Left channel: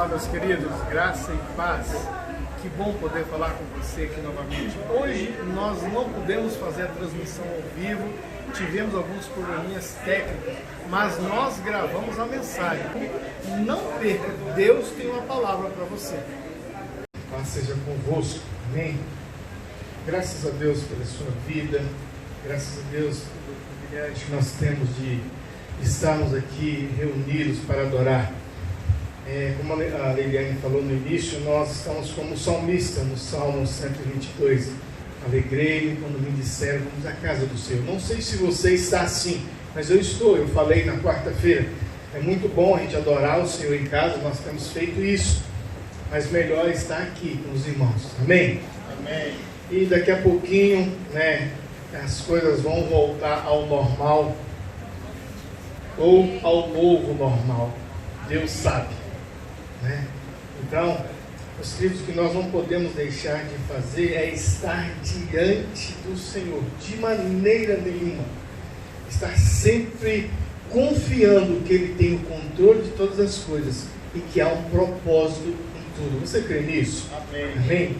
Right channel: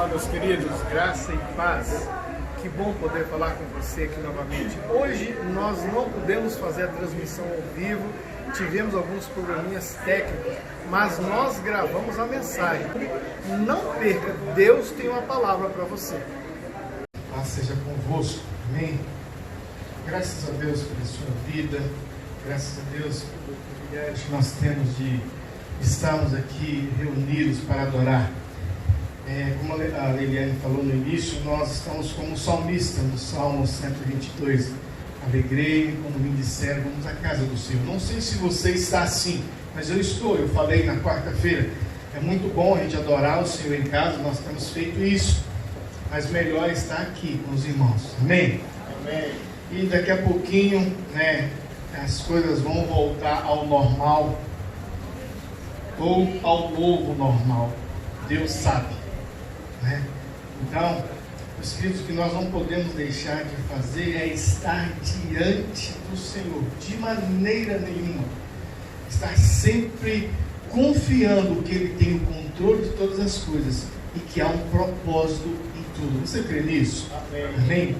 Olá, meus queridos, graça e paz. Que bom poder falar com você aqui novamente. Hoje nós não pudemos fazer a transmissão ao vivo, tivemos alguns probleminhas técnicos, mas nós gravamos a mensagem. Não perca, Deus tem uma palavra para você. Paz seja convosco, amém? Graças a Deus pela sua vida, graças a Deus pelo privilégio que nós temos de estarmos aqui reunidos para adorar. Como a Eliane falou no início, nós estamos como salmista no Salmo 122. Alegrei-me quando me disseram, vamos à casa do Senhor. Não sei se você está assim, mas eu estou. Eu falei na quarta-feira, é muito bom a gente adorar o Senhor em casa, nós temos feito isso. Mas melhor estar aqui com os irmãos, amém? Amém. E daqui a pouquinho, as coisas vão voltar ao normal, ou ao novo normal, Deus sabe. Então, os queridos, que nós não podemos deixar de fazer é estar diante do Senhor, de maneira nenhuma. Estar sempre confiando que Ele tem o controle de todas as coisas e que há um propósito em tudo. Você crê nisso? Amém. Amém?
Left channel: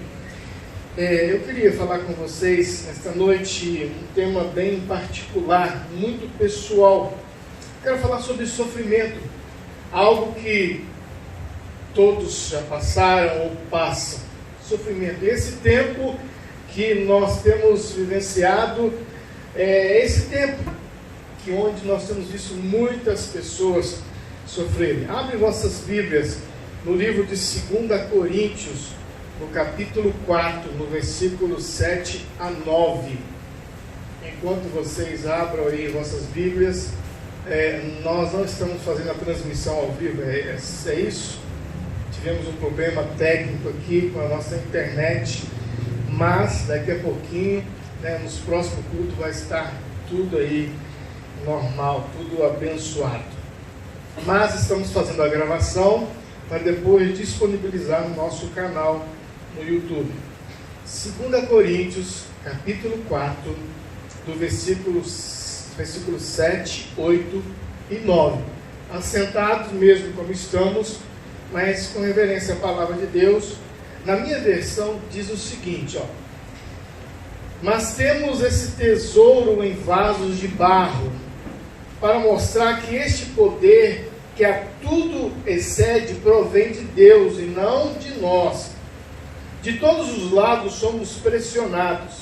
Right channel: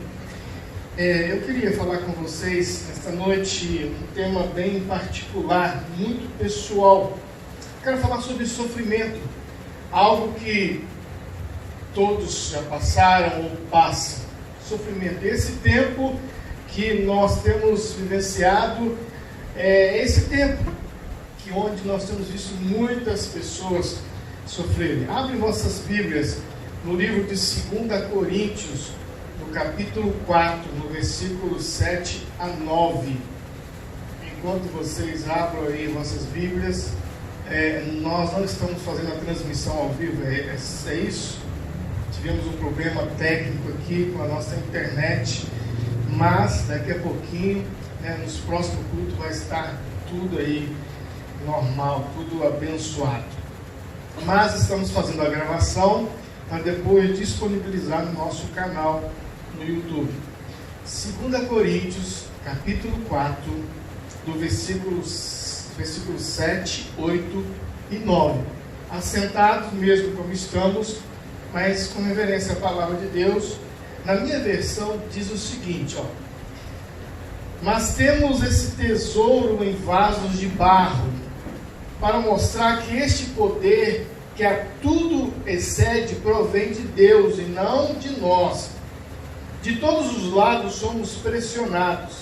Eu queria falar com vocês esta noite um tema bem particular, muito pessoal. Quero falar sobre sofrimento, algo que todos já passaram ou passam. Sofrimento. Esse tempo que nós temos vivenciado é esse tempo que onde nós temos visto muitas pessoas sofrerem. Abre vossas Bíblias no livro de 2 Coríntios, no capítulo 4, no versículo 7 a 9. Enquanto vocês abram aí vossas Bíblias, nós não estamos fazendo a transmissão ao vivo, é isso? Tivemos um problema técnico aqui com a nossa internet, mas daqui a pouquinho, nos próximos cultos, vai estar tudo aí normal, tudo abençoado. Mas estamos fazendo a gravação para depois disponibilizar no nosso canal no YouTube. 2 Coríntios, capítulo 4, do versículo 7, 8 e 9. Assentados mesmo como estamos, mas com reverência à palavra de Deus. Na minha versão diz o seguinte, mas temos esse tesouro em vasos de barro, para mostrar que este poder, que a tudo excede, provém de Deus e não de nós. De todos os lados somos pressionados,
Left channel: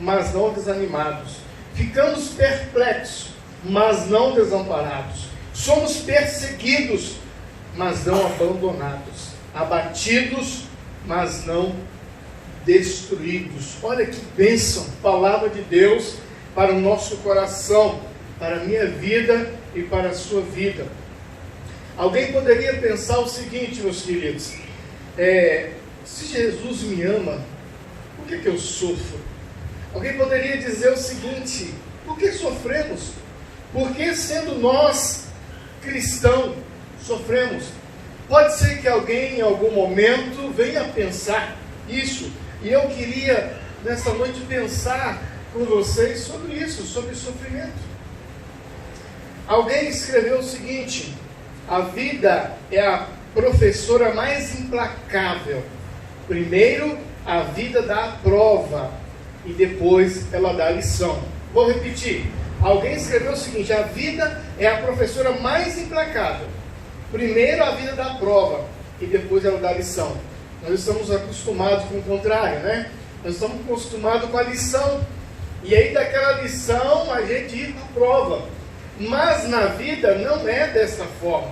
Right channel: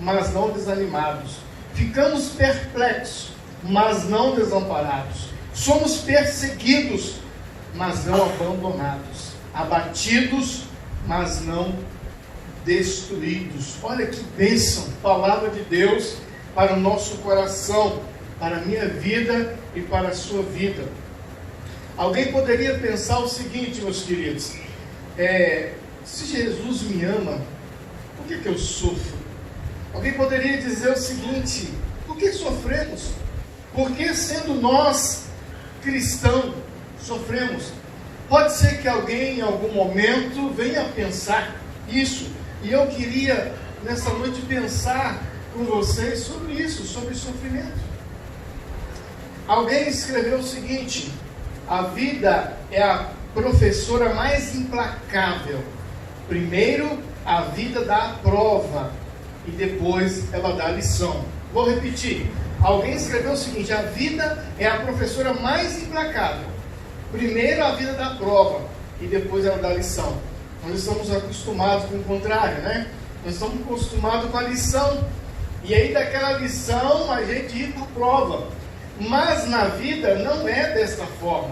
mas não desanimados. Ficamos perplexos, mas não desamparados. Somos perseguidos, mas não abandonados, abatidos, mas não destruídos. Olha que bênção, palavra de Deus para o nosso coração, para a minha vida e para a sua vida. Alguém poderia pensar o seguinte, meus queridos, se Jesus me ama, por que eu sofro? Alguém poderia dizer o seguinte, por que sofremos? Por que, sendo nós cristãos, sofremos? Pode ser que alguém em algum momento venha pensar isso, e eu queria nessa noite pensar com vocês sobre isso, sobre sofrimento. Alguém escreveu o seguinte: a vida é a professora mais implacável. Primeiro a vida dá a prova e depois ela dá a lição. Vou repetir. Alguém escreveu o seguinte: a vida é a professora mais implacável. Primeiro a vida dá a prova e depois ela dá a lição. Nós estamos acostumados com o contrário, Nós estamos acostumados com a lição. E aí daquela lição a gente ir para a prova. Mas na vida não é dessa forma.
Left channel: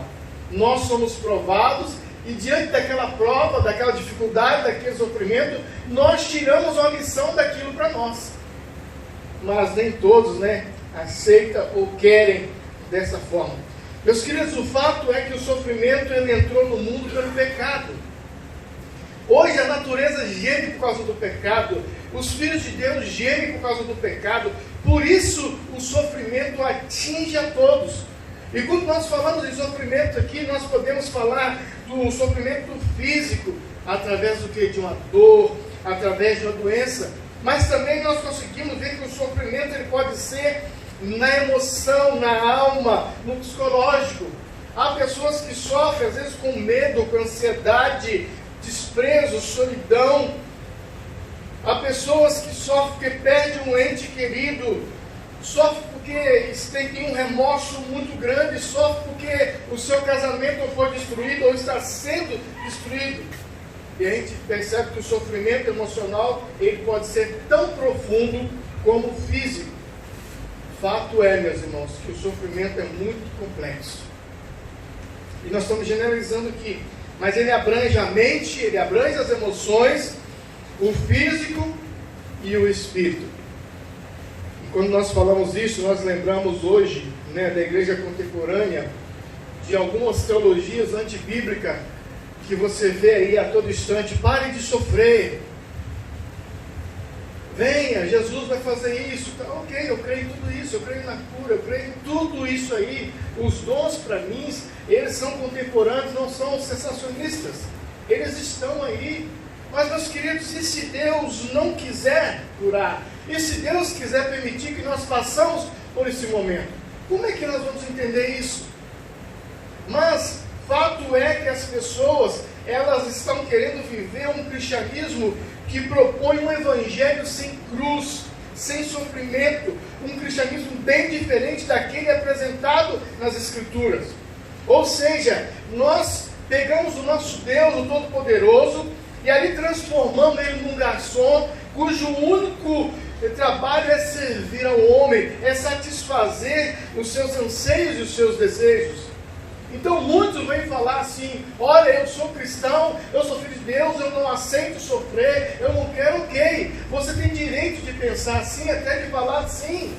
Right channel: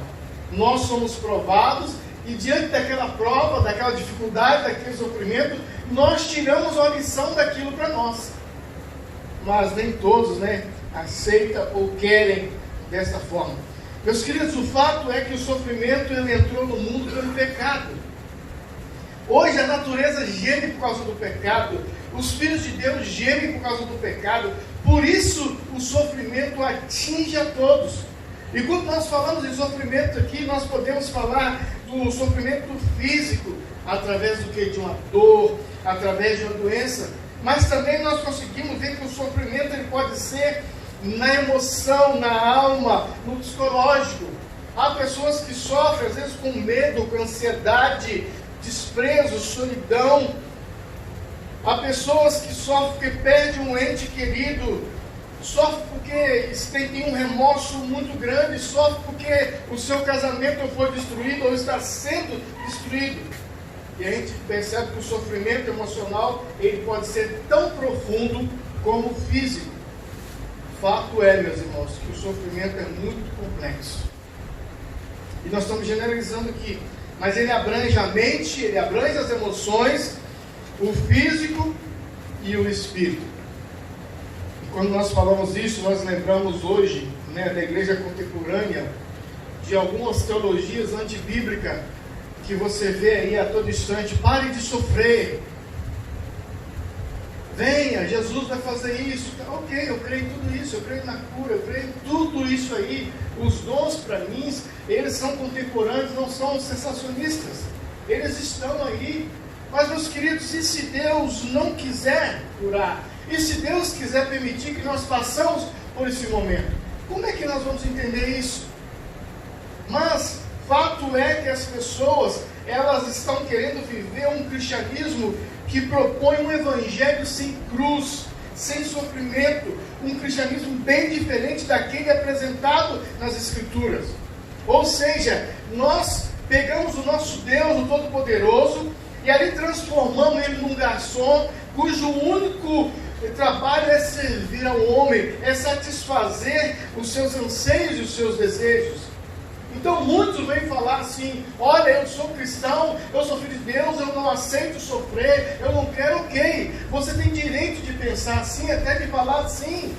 Nós somos provados e diante daquela prova, daquela dificuldade, daquele sofrimento, nós tiramos uma lição daquilo para nós. Mas nem todos, aceitam ou querem dessa forma. Meus queridos, o fato é que o sofrimento ele entrou no mundo pelo pecado. Hoje a natureza geme por causa do pecado, os filhos de Deus gemem por causa do pecado, por isso o sofrimento atinge a todos. E quando nós falamos de sofrimento aqui, nós podemos falar do sofrimento físico, através do que? De uma dor, através de uma doença, mas também nós conseguimos ver que o sofrimento ele pode ser na emoção, na alma, no psicológico. Há pessoas que sofrem, às vezes, com medo, com ansiedade, desprezo, solidão. Há pessoas que sofrem porque perdem um ente querido, sofrem porque tem um remorso muito grande, sofrem porque o seu casamento foi destruído ou está sendo destruído. E a gente percebe que o sofrimento emocional ele pode ser tão profundo como físico. Fato é, meus irmãos, que o sofrimento é muito complexo. E nós estamos generalizando aqui, mas ele abrange a mente, ele abrange as emoções, o físico e o espírito. E quando nós falamos isso, nós lembramos hoje, da igreja contemporânea, de algumas teologias antibíblicas que você vê aí a todo instante. Pare de sofrer, venha, Jesus vai fazer isso. Tá, ok, eu creio em tudo isso, eu creio na cura, eu creio em tudo isso aí. Os dons para mim, eles são contemporâneos, não são sensacionistas, eles estão aí. Mas, meus queridos, e se Deus não quiser curar? E se Deus quiser permitir que nós passamos por esse momento? Como é que nós vamos entender isso? Mas, fato é que as pessoas, elas estão querendo viver um cristianismo que propõe um evangelho sem cruz, sem sofrimento, um cristianismo bem diferente daquele apresentado nas Escrituras. Ou seja, nós pegamos o nosso Deus, o Todo-Poderoso, e ali transformamos ele num garçom, cujo único trabalho é servir ao homem, é satisfazer os seus anseios e os seus desejos. Então muitos vêm falar assim: olha, eu sou cristão, eu sou filho de Deus, eu não aceito sofrer, eu não quero. Ok, você tem direito de pensar assim, até de falar assim.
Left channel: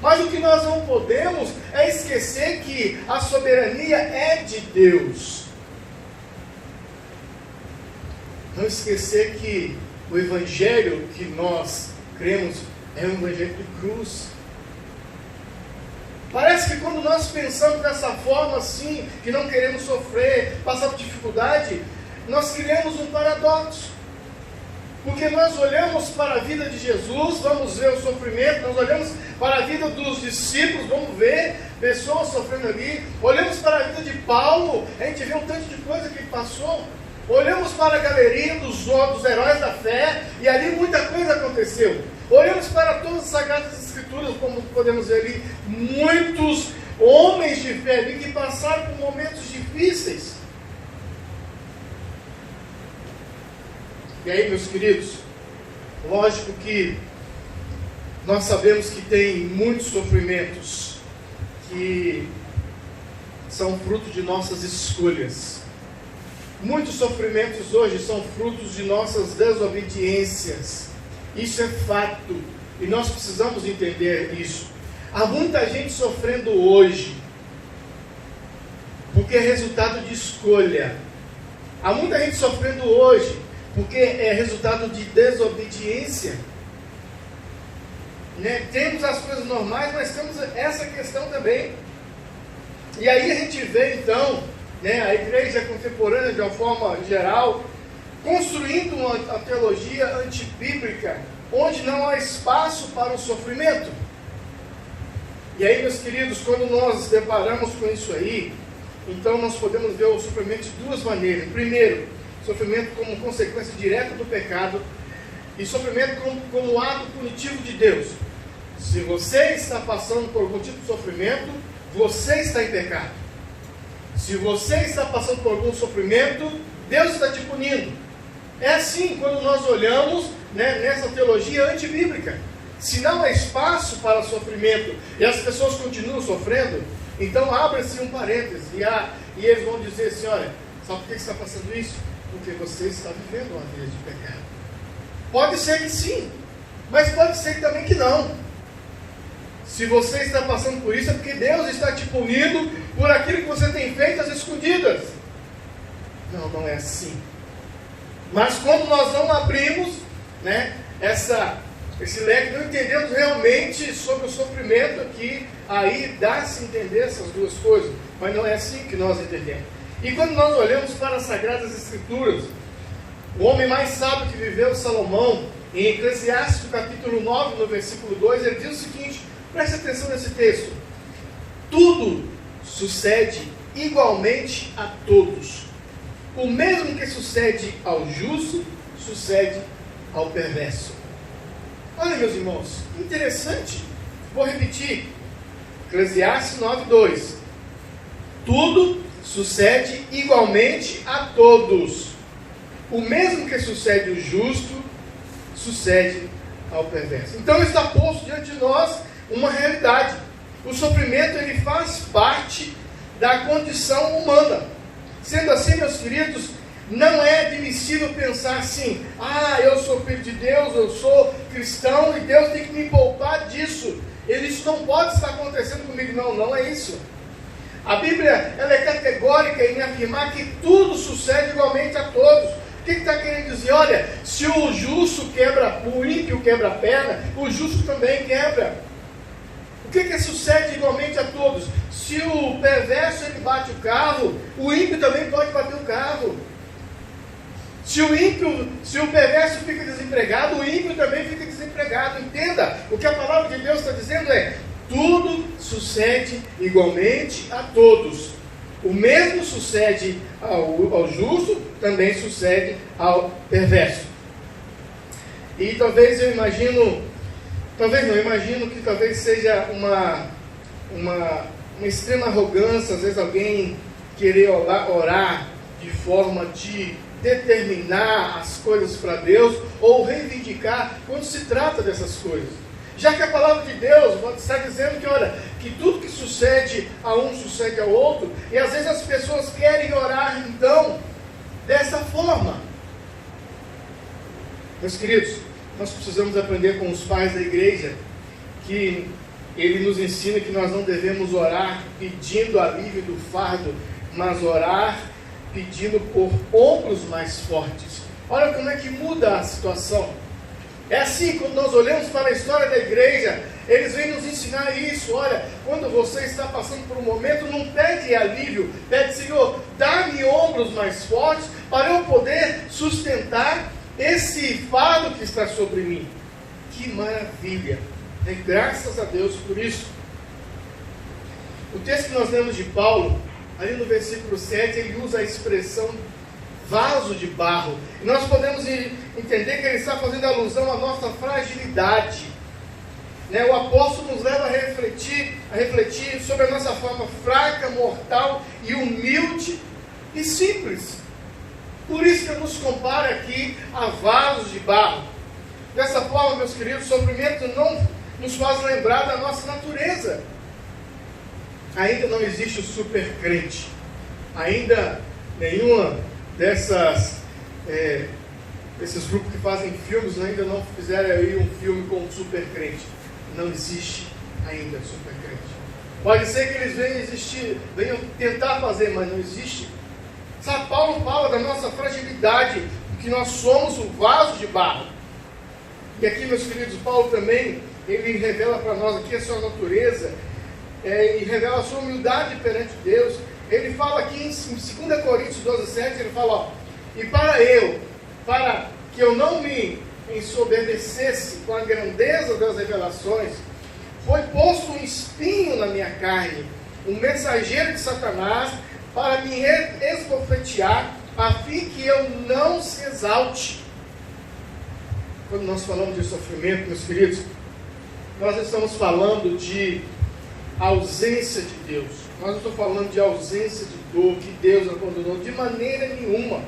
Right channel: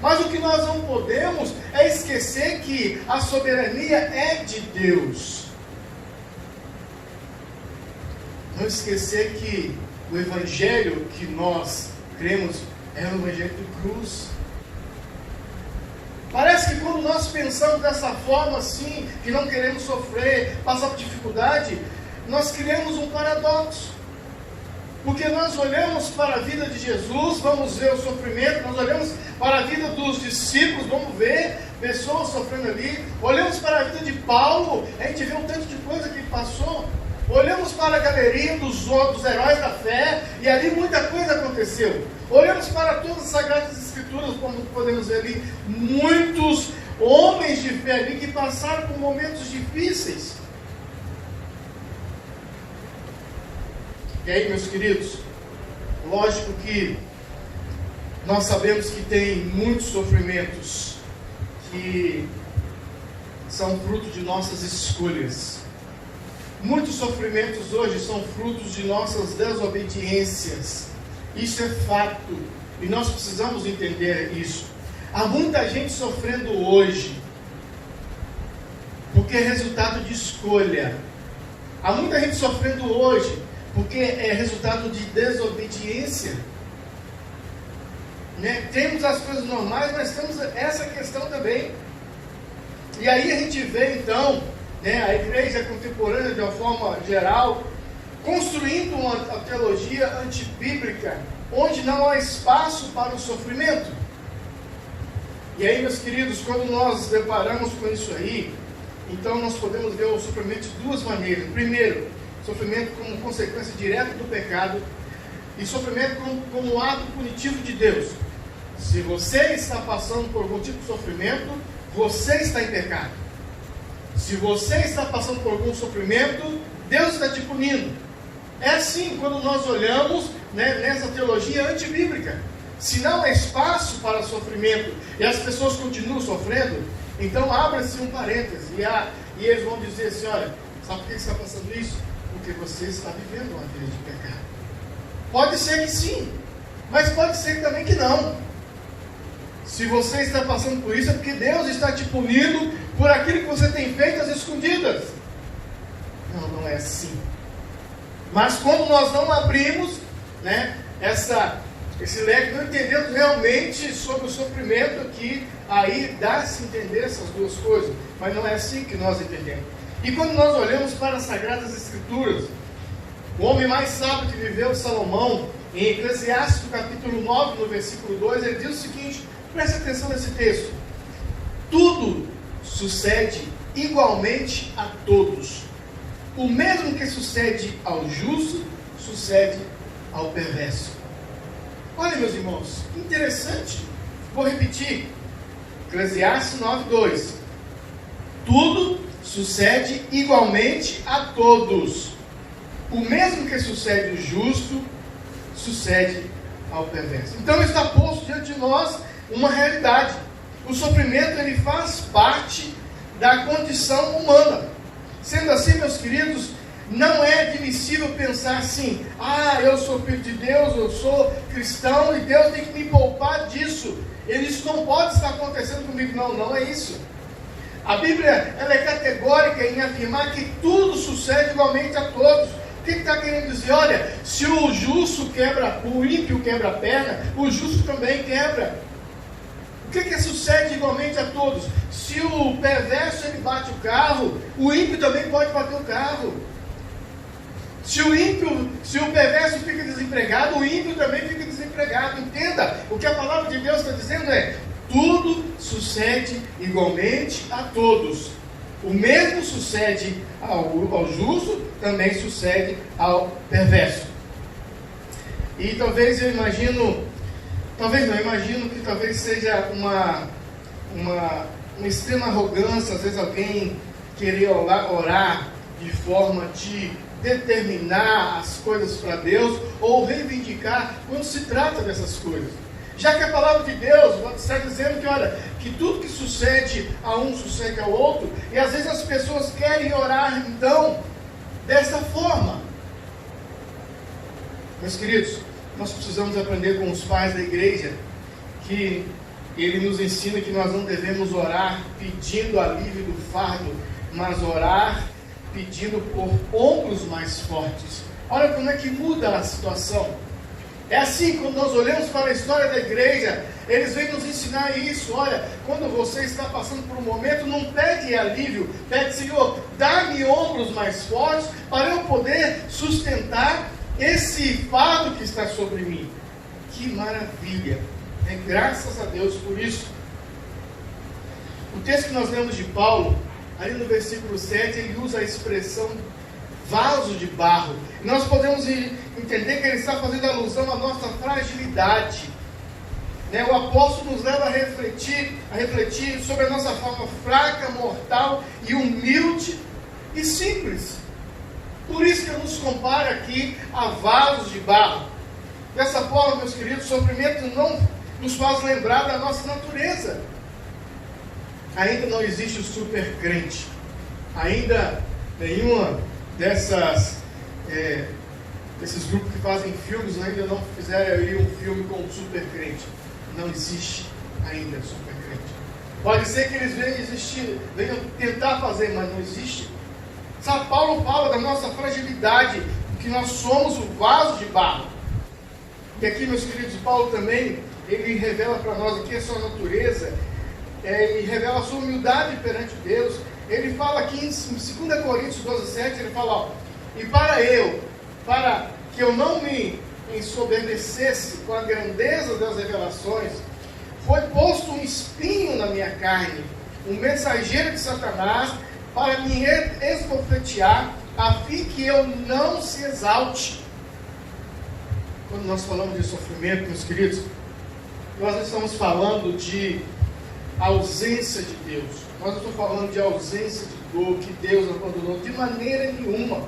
Mas o que nós não podemos é esquecer que a soberania é de Deus. Não esquecer que o evangelho que nós cremos é o evangelho de cruz. Parece que quando nós pensamos dessa forma assim, que não queremos sofrer, passar por dificuldade, nós criamos um paradoxo. Porque nós olhamos para a vida de Jesus, vamos ver o sofrimento, nós olhamos para a vida dos discípulos, vamos ver pessoas sofrendo ali, olhamos para a vida de Paulo, a gente vê um tanto de coisa que ele passou, olhamos para a galeria dos heróis da fé, e ali muita coisa aconteceu. Olhamos para todas as Sagradas Escrituras, como podemos ver ali, muitos homens de fé ali que passaram por momentos difíceis. E aí, meus queridos, lógico que nós sabemos que tem muitos sofrimentos que são fruto de nossas escolhas. Muitos sofrimentos hoje são frutos de nossas desobediências. Isso é fato. E nós precisamos entender isso. Há muita gente sofrendo hoje porque é resultado de escolha. Há muita gente sofrendo hoje porque é resultado de desobediência. Temos as coisas normais, mas temos essa questão também. E aí a gente vê então a igreja contemporânea, de uma forma geral, construindo uma teologia antibíblica, onde não há espaço para o sofrimento. E aí, meus queridos, quando nós nos deparamos com isso aí, então nós podemos ver o sofrimento de duas maneiras. Primeiro, sofrimento como consequência direta do pecado, e sofrimento como ato punitivo de Deus. Se você está passando por algum tipo de sofrimento, você está em pecado. Se você está passando por algum sofrimento, Deus está te punindo. É assim quando nós olhamos nessa teologia antibíblica. Se não há espaço para sofrimento e as pessoas continuam sofrendo, então abre-se um parêntese e eles vão dizer assim: olha, sabe por que você está passando isso? Porque você está vivendo uma vida de pecado. Pode ser que sim, mas pode ser também que não. Se você está passando por isso, é porque Deus está te punindo por aquilo que você tem feito às escondidas. Não, não é assim. Mas quando nós não abrimos esse leque, não entendemos realmente sobre o sofrimento aqui, aí dá-se entender essas duas coisas, mas não é assim que nós entendemos. E quando nós olhamos para as Sagradas Escrituras, o homem mais sábio que viveu, Salomão, em Eclesiastes, capítulo 9, no versículo 2, ele diz o seguinte: preste atenção nesse texto: tudo sucede igualmente a todos. O mesmo que sucede ao justo, sucede ao perverso. Olha, meus irmãos, interessante. Vou repetir. Eclesiastes 9:2. Tudo sucede igualmente a todos. O mesmo que sucede ao justo, sucede ao perverso. Então está posto diante de nós uma realidade. O sofrimento, ele faz parte da condição humana. Sendo assim, meus queridos, não é admissível pensar assim: eu sou filho de Deus, eu sou cristão e Deus tem que me poupar disso. Isso não pode estar acontecendo comigo. Não é isso. A Bíblia, ela é categórica em afirmar que tudo sucede igualmente a todos. O que está querendo dizer? Olha, se o justo quebra, o ímpio quebra a perna, o justo também quebra. O que sucede igualmente a todos? Se o perverso ele bate o carro, o ímpio também pode bater o carro. Se o perverso fica desempregado, o ímpio também fica desempregado. Entenda, o que a palavra de Deus está dizendo é: tudo sucede igualmente a todos. O mesmo sucede ao justo, também sucede ao perverso. E talvez eu imagino que talvez seja uma extrema arrogância, às vezes alguém querer orar de forma de determinar as coisas para Deus ou reivindicar quando se trata dessas coisas. Já que a palavra de Deus está dizendo que, olha, que tudo que sucede a um sucede ao outro, e às vezes as pessoas querem orar então dessa forma. Meus queridos, nós precisamos aprender com os pais da igreja que ele nos ensina que nós não devemos orar pedindo alívio do fardo, mas orar pedindo por ombros mais fortes. Olha como é que muda a situação. É assim, quando nós olhamos para a história da igreja, eles vêm nos ensinar isso. Olha, quando você está passando por um momento, não pede alívio, pede: Senhor, dá-me ombros mais fortes para eu poder sustentar esse fardo que está sobre mim. Que maravilha! Graças a Deus por isso. O texto que nós lemos de Paulo, ali no versículo 7, ele usa a expressão vaso de barro. E nós podemos entender que ele está fazendo alusão à nossa fragilidade. O apóstolo nos leva a refletir sobre a nossa forma fraca, mortal e humilde e simples. Por isso que ele nos compara aqui a vasos de barro. Dessa forma, meus queridos, o sofrimento não nos faz lembrar da nossa natureza. Ainda não existe o super crente. Ainda nenhuma desses grupos que fazem filmes ainda não fizeram aí um filme com um super crente. Não existe ainda super crente. Pode ser que eles venham tentar fazer, mas não existe. Sabe, Paulo fala da nossa fragilidade, que nós somos o vaso de barro. E aqui, meus queridos, Paulo também, ele revela para nós aqui a sua natureza, e revela a sua humildade perante Deus. Ele fala aqui em 2 Coríntios 12:7, ele fala: e para que eu não me ensoberbecesse com a grandeza das revelações, foi posto um espinho na minha carne, um mensageiro de Satanás, para me esbofetear, a fim que eu não se exalte. Quando nós falamos de sofrimento, meus queridos, nós estamos falando de ausência de Deus. Nós não estamos falando de ausência de dor, que Deus abandonou, de maneira nenhuma.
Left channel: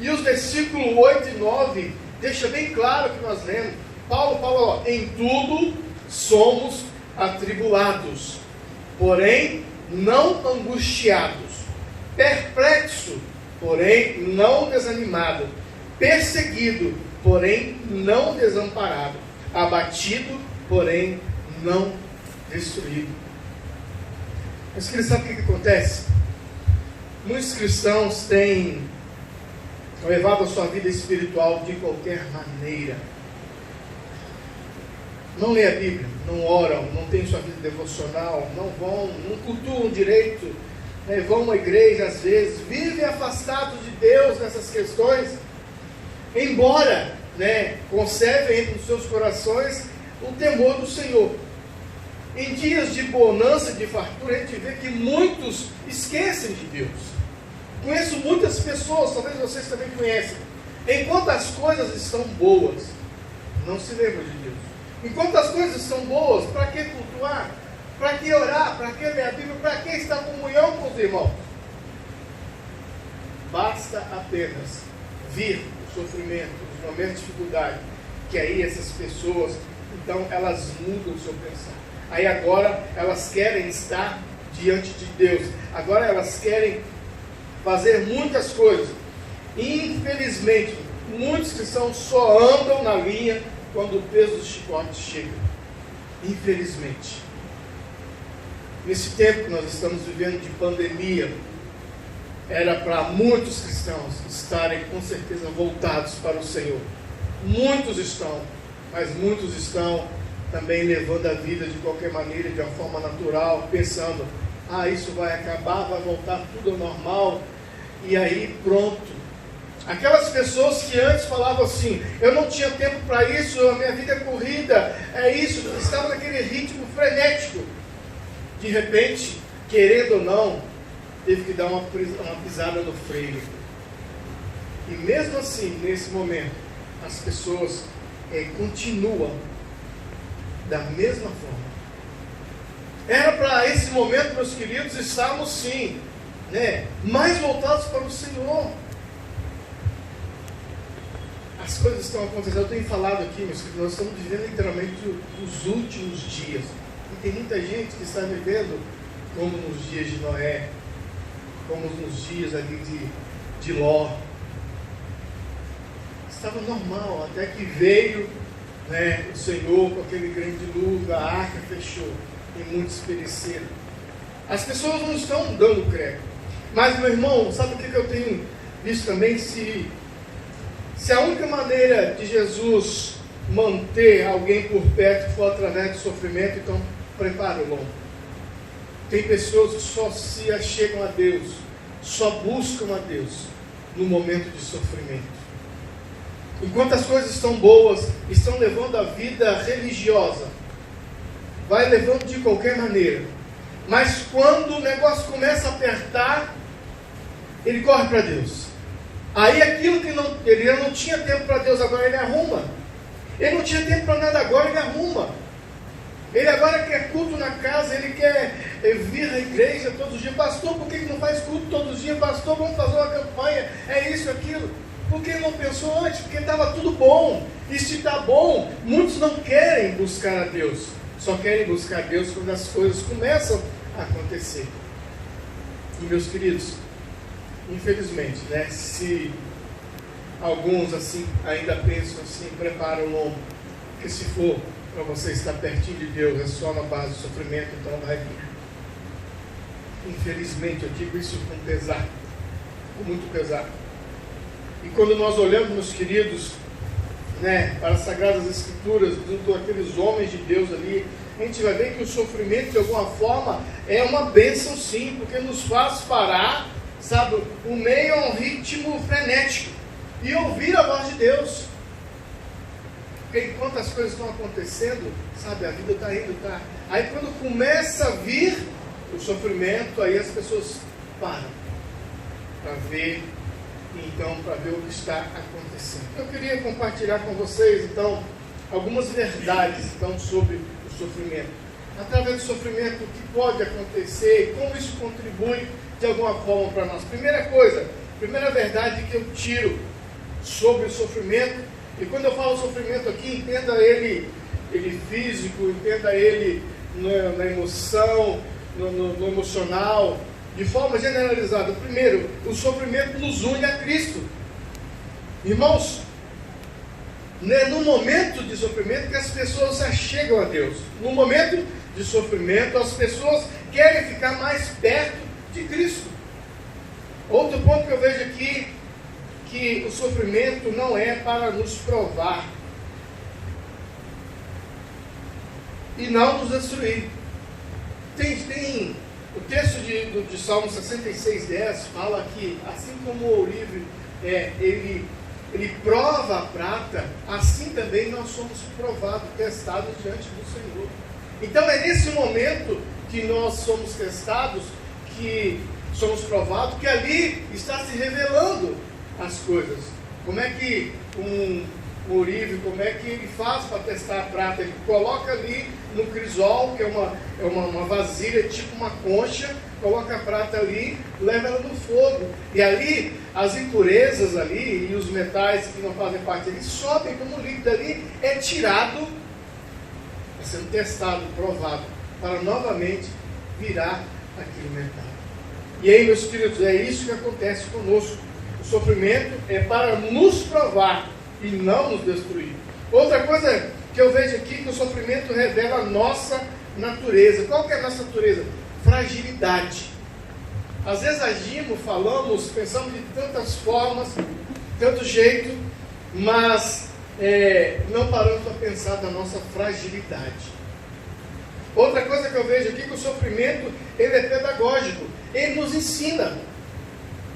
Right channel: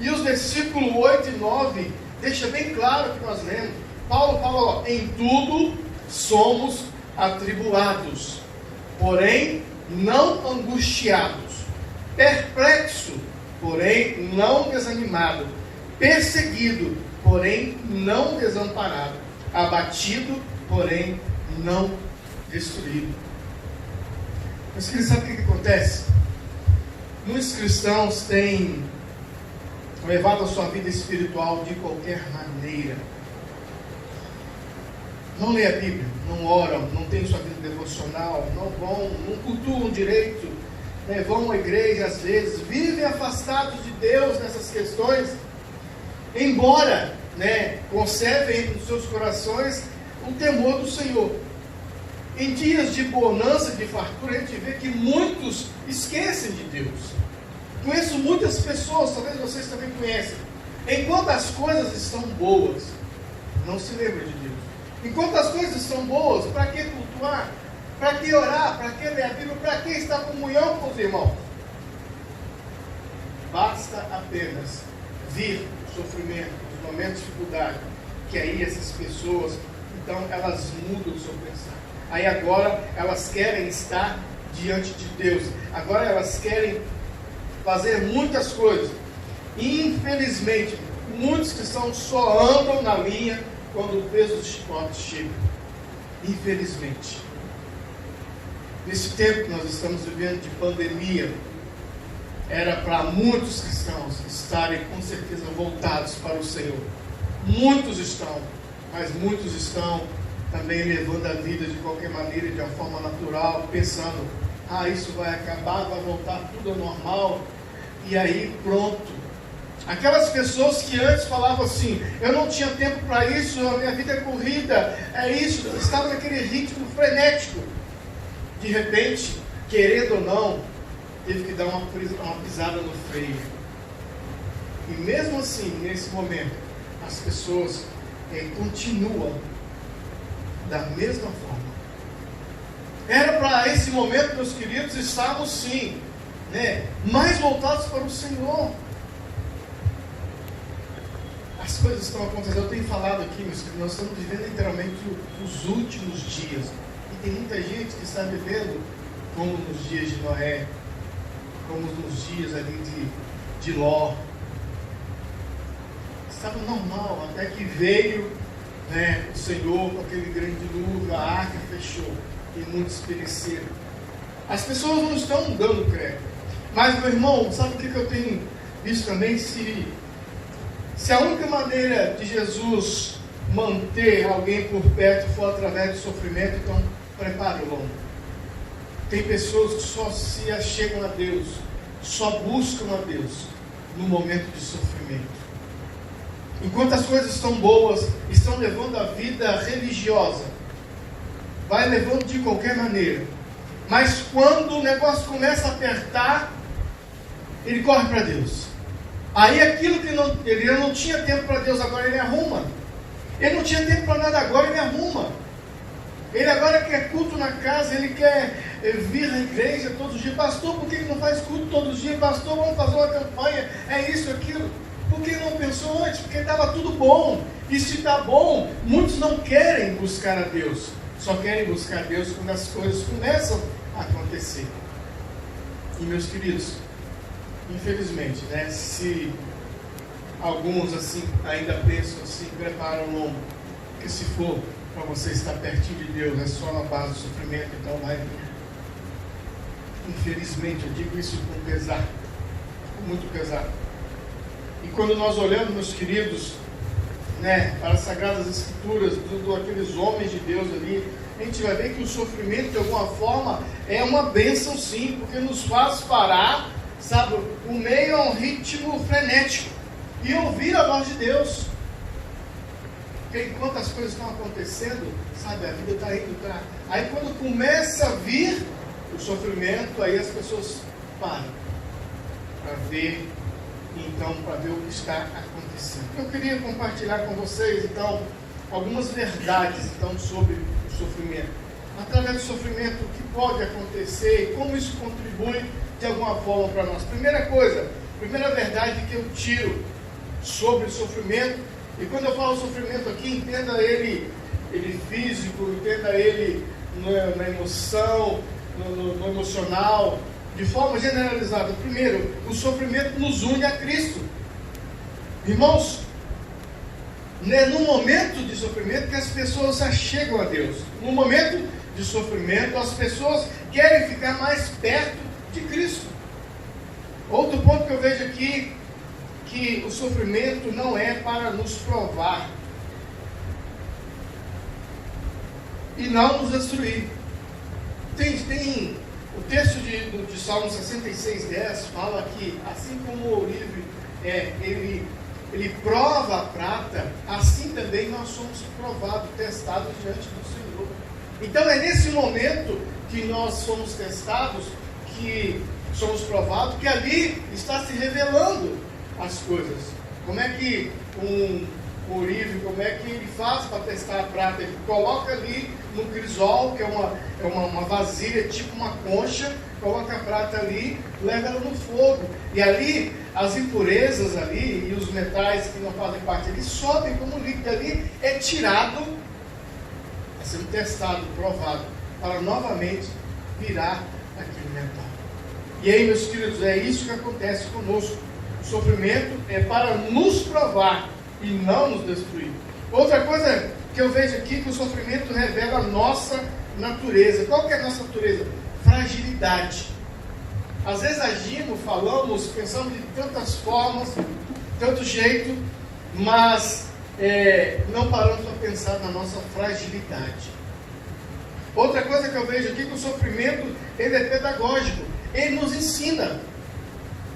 E os versículos 8 e 9 deixa bem claro o que nós lemos. Paulo fala: em tudo somos atribulados, porém não angustiados, perplexo, porém não desanimado, perseguido, porém não desamparado, abatido, porém não destruído. Mas queridos, sabe o que acontece? Muitos cristãos têm levado a sua vida espiritual de qualquer maneira. Não lê a Bíblia, não oram, não têm sua vida devocional, não cultuam direito, vão à igreja às vezes, vivem afastados de Deus nessas questões, embora conservem nos seus corações o temor do Senhor. Em dias de bonança, de fartura, a gente vê que muitos esquecem de Deus. Conheço muitas pessoas, talvez vocês também conhecem. Enquanto as coisas estão boas, não se lembram de Deus. Enquanto as coisas estão boas, para que cultuar? Para que orar? Para que ler a Bíblia? Para que estar em comunhão com os irmãos? Basta apenas vir o sofrimento, os momentos de dificuldade, que aí essas pessoas, então elas mudam o seu pensar. Aí agora elas querem estar diante de Deus. Agora elas querem fazer muitas coisas. Infelizmente, muitos cristãos só andam na linha quando o peso do chicote chega. Infelizmente. Nesse tempo que nós estamos vivendo de pandemia, era para muitos cristãos estarem com certeza voltados para o Senhor. Muitos estão, mas muitos estão também levando a vida de qualquer maneira, de uma forma natural, pensando, isso vai acabar, vai voltar tudo ao normal, e aí pronto. Aquelas pessoas que antes falavam assim, eu não tinha tempo para isso, a minha vida é corrida, é isso, estava naquele ritmo frenético. De repente, querendo ou não, teve que dar uma pisada no freio. E mesmo assim, nesse momento, as pessoas continuam da mesma forma. Era para esse momento, meus queridos, estarmos sim, mais voltados para o Senhor. As coisas estão acontecendo. Eu tenho falado aqui, meus queridos, nós estamos vivendo literalmente os últimos dias. E tem muita gente que está vivendo como nos dias de Noé, como nos dias ali de Ló. Estava normal, até que veio o Senhor com aquele grande dilúvio, a arca fechou e muitos pereceram. As pessoas não estão dando crédito. Mas, meu irmão, sabe o que eu tenho visto também? Se a única maneira de Jesus manter alguém por perto for através do sofrimento, então prepare o lombo. Tem pessoas que só se achegam a Deus, só buscam a Deus no momento de sofrimento. Enquanto as coisas estão boas, estão levando a vida religiosa, vai levando de qualquer maneira. Mas quando o negócio começa a apertar, ele corre para Deus. Aí aquilo que ele não tinha tempo para Deus, agora ele arruma. Ele não tinha tempo para nada, agora ele arruma. Ele agora quer culto na casa, ele quer vir à igreja todos os dias. Pastor, por que ele não faz culto todos os dias? Pastor, vamos fazer uma campanha, é isso, aquilo. Por que ele não pensou antes? Porque estava tudo bom. E se está bom, muitos não querem buscar a Deus. Só querem buscar a Deus quando as coisas começam a acontecer. E meus queridos, infelizmente, se alguns assim ainda pensam assim, preparam o lombo, que se for para você estar pertinho de Deus, é só na base do sofrimento, então vai vir. Infelizmente, eu digo isso com pesar, com muito pesar. E quando nós olhamos, meus queridos, para as Sagradas Escrituras, daqueles homens de Deus ali, a gente vai ver que o sofrimento, de alguma forma, é uma bênção sim, porque nos faz parar, sabe, o meio a um ritmo frenético e ouvir a voz de Deus. Porque enquanto as coisas estão acontecendo, sabe, a vida está indo, tá. Aí quando começa a vir o sofrimento, aí as pessoas param para ver, então, para ver o que está acontecendo. Eu queria compartilhar com vocês, então, algumas verdades, então, sobre o sofrimento. Através do sofrimento, o que pode acontecer e como isso contribui de alguma forma para nós. Primeira verdade que eu tiro sobre o sofrimento, e quando eu falo sofrimento aqui, entenda ele físico, entenda ele na emoção, no emocional, de forma generalizada. Primeiro, o sofrimento nos une a Cristo. Irmãos, é no momento de sofrimento que as pessoas se achegam a Deus. No momento de sofrimento, as pessoas querem ficar mais perto de Cristo. Outro ponto que eu vejo aqui, que o sofrimento não é para nos provar e não nos destruir. Tem o texto de Salmo 66:10 fala que assim como o ourive ele prova a prata, assim também nós somos provados, testados diante do Senhor. Então é nesse momento que nós somos testados, que somos provados, que ali está se revelando as coisas. Como é que um ourive, como é que ele faz para testar a prata? Ele coloca ali no crisol, que é uma vasilha, tipo uma concha, coloca a prata ali, leva ela no fogo. E ali, as impurezas ali, e os metais que não fazem parte ali, sobem como o líquido ali, é tirado, sendo testado, provado, para novamente virar aquele metal. E aí, meus queridos, é isso que acontece conosco. O sofrimento é para nos provar e não nos destruir. Outra coisa que eu vejo aqui, que o sofrimento revela a nossa natureza. Qual que é a nossa natureza? Fragilidade. Às vezes agimos, falamos, pensamos de tantas formas, tanto jeito, mas não paramos para pensar na nossa fragilidade. Outra coisa que eu vejo aqui, que o sofrimento ele é pedagógico. Ele nos ensina.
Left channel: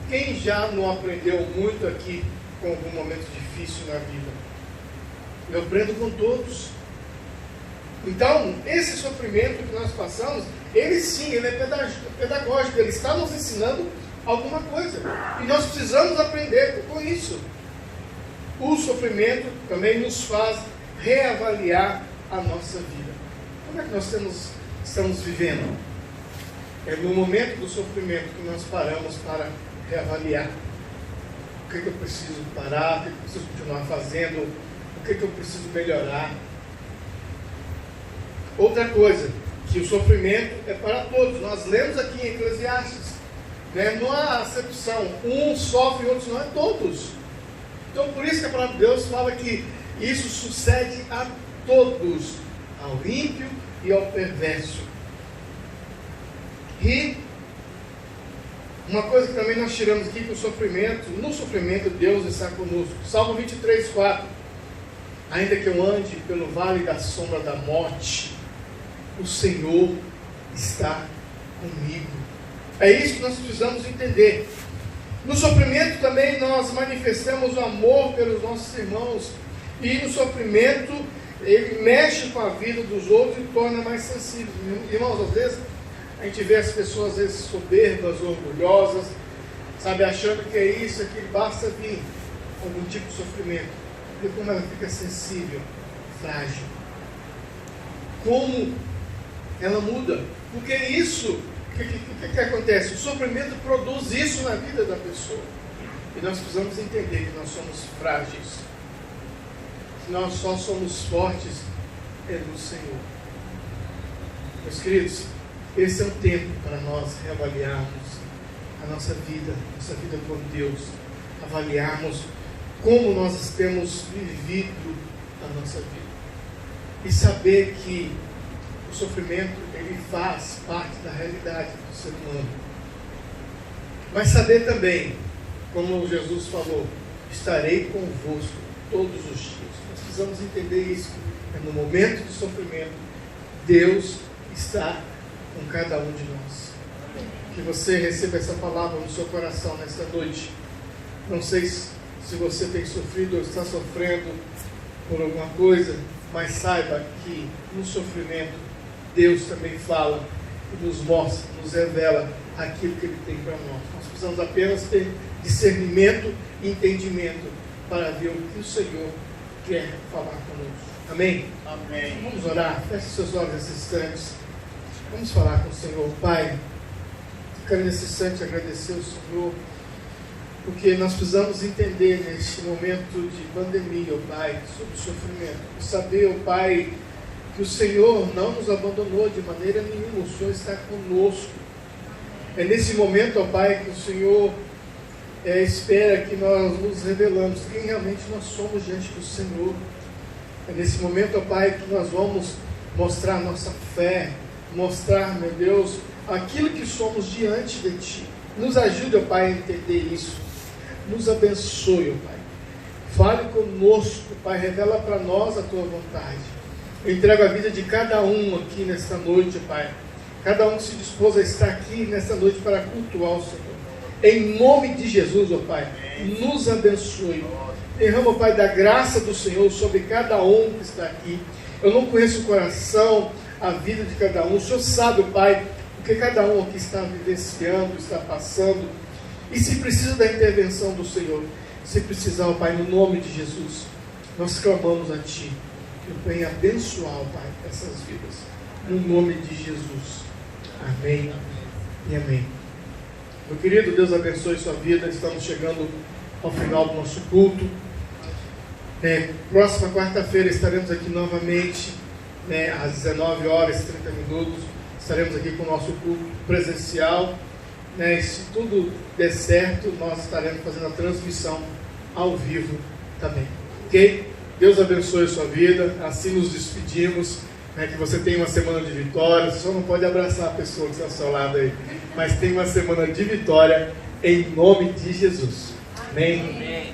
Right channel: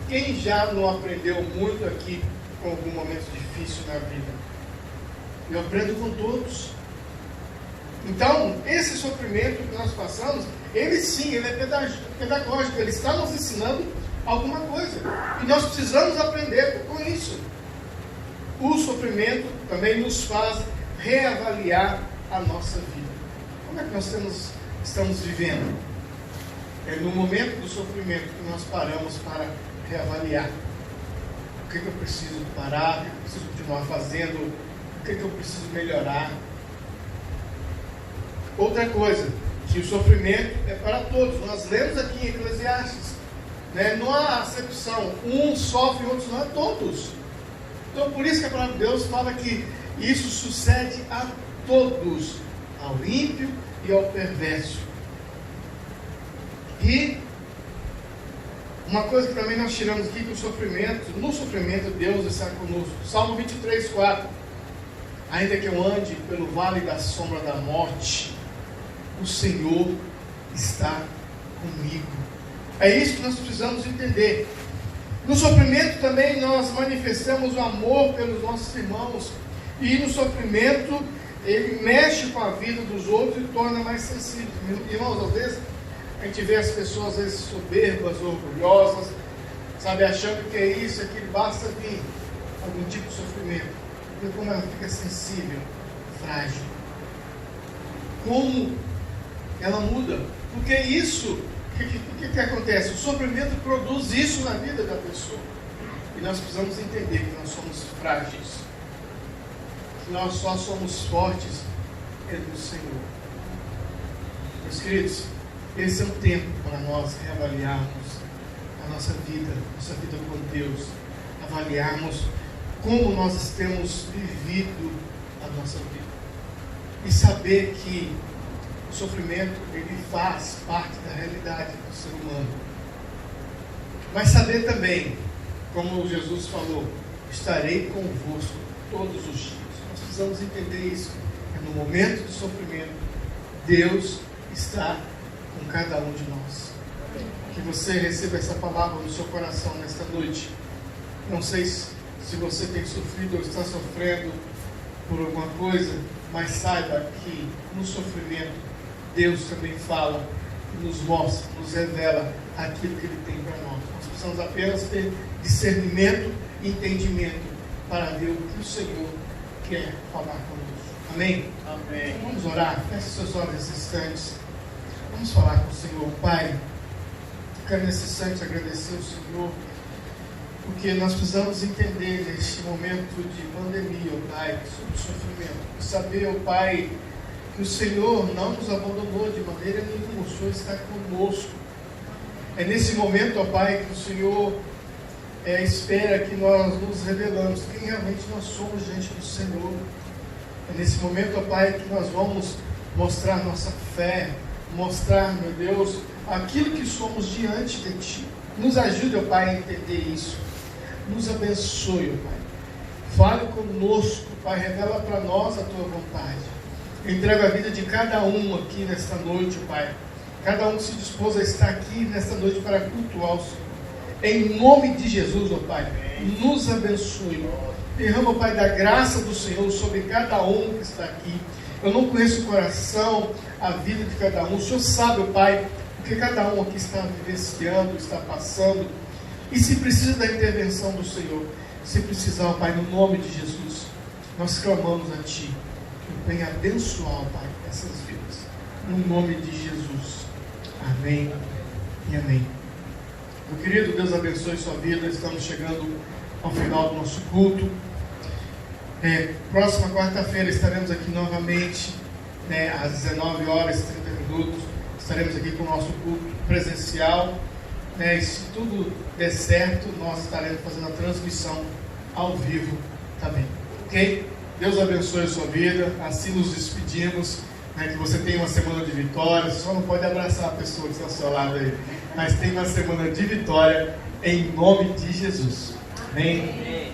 Quem já não aprendeu muito aqui com algum momento difícil na vida? Eu aprendo com todos. Então, esse sofrimento que nós passamos, ele sim, ele é pedagógico, ele está nos ensinando alguma coisa. E nós precisamos aprender com isso. O sofrimento também nos faz reavaliar a nossa vida. Como é que nós estamos vivendo? É no momento do sofrimento que nós paramos para reavaliar. O que eu preciso parar? O que eu preciso continuar fazendo? O que eu preciso melhorar? Outra coisa, que o sofrimento é para todos. Nós lemos aqui em Eclesiastes, né? Não há acepção. Um sofre, outros não, é todos. Então por isso que a palavra de Deus fala que isso sucede a todos, ao ímpio e ao perverso. E uma coisa que também nós tiramos aqui, que no sofrimento Deus está conosco. Salmo 23, 4. Ainda que eu ande pelo vale da sombra da morte, o Senhor está comigo. É isso que nós precisamos entender. No sofrimento também nós manifestamos o amor pelos nossos irmãos. E no sofrimento ele mexe com a vida dos outros e torna mais sensível. Irmãos, às vezes a gente vê as pessoas, às vezes, soberbas, orgulhosas, sabe, achando que é isso, aquilo, basta vir algum tipo de sofrimento. E como ela fica sensível, frágil. Como ela muda. Porque isso, o que acontece? O sofrimento produz isso na vida da pessoa. E nós precisamos entender que nós somos frágeis. Que nós só somos fortes no Senhor. Meus queridos, esse é o tempo para nós reavaliarmos a nossa vida com Deus, avaliarmos como nós temos vivido a nossa vida e saber que o sofrimento ele faz parte da realidade do ser humano, mas saber também, como Jesus falou, estarei convosco todos os dias. Nós precisamos entender isso, que no momento do sofrimento Deus está com cada um de nós. Que você receba essa palavra no seu coração nesta noite. Não sei se você tem sofrido ou está sofrendo por alguma coisa, mas saiba que no sofrimento Deus também fala, nos mostra, nos revela aquilo que Ele tem para nós. Nós precisamos apenas ter discernimento e entendimento para ver o que o Senhor quer falar conosco. Amém? Amém. Então vamos orar. Feche seus olhos nesses instantes. Vamos falar com o Senhor. Pai, eu quero nesse instante agradecer ao Senhor, porque nós precisamos entender neste momento de pandemia, ó Pai, sobre o sofrimento. Saber, ó Pai, que o Senhor não nos abandonou de maneira nenhuma, o Senhor está conosco. É nesse momento, ó Pai, que o Senhor espera que nós nos revelamos quem realmente nós somos diante do Senhor. É nesse momento, ó Pai, que nós vamos mostrar nossa fé, mostrar, meu Deus, aquilo que somos diante de Ti. Nos ajude, ó Pai, a entender isso. Nos abençoe, ó Pai. Fale conosco, Pai, revela para nós a Tua vontade. Entrega a vida de cada um aqui nesta noite, ó Pai. Cada um que se dispôs a estar aqui nesta noite para cultuar o Senhor. Em nome de Jesus, ó Pai, nos abençoe. Derrama, ó Pai, da graça do Senhor sobre cada um que está aqui. Eu não conheço o coração, a vida de cada um. O Senhor sabe, Pai, o que cada um aqui está vivenciando, está passando. E se precisa da intervenção do Senhor, se precisar, Pai, no nome de Jesus, nós clamamos a Ti, que o venha abençoar, Pai, essas vidas. No nome de Jesus. Amém e amém. Meu querido, Deus abençoe sua vida. Estamos chegando ao final do nosso culto. Próxima quarta-feira estaremos aqui novamente, às 19 horas e 30 minutos. Estaremos aqui com o nosso culto presencial. Se tudo der certo, nós estaremos fazendo a transmissão ao vivo também. Ok? Deus abençoe a sua vida. Assim nos despedimos. Que você tenha uma semana de vitória. Você só não pode abraçar a pessoa que está ao seu lado aí, mas tem uma semana de vitória em nome de Jesus. Amém?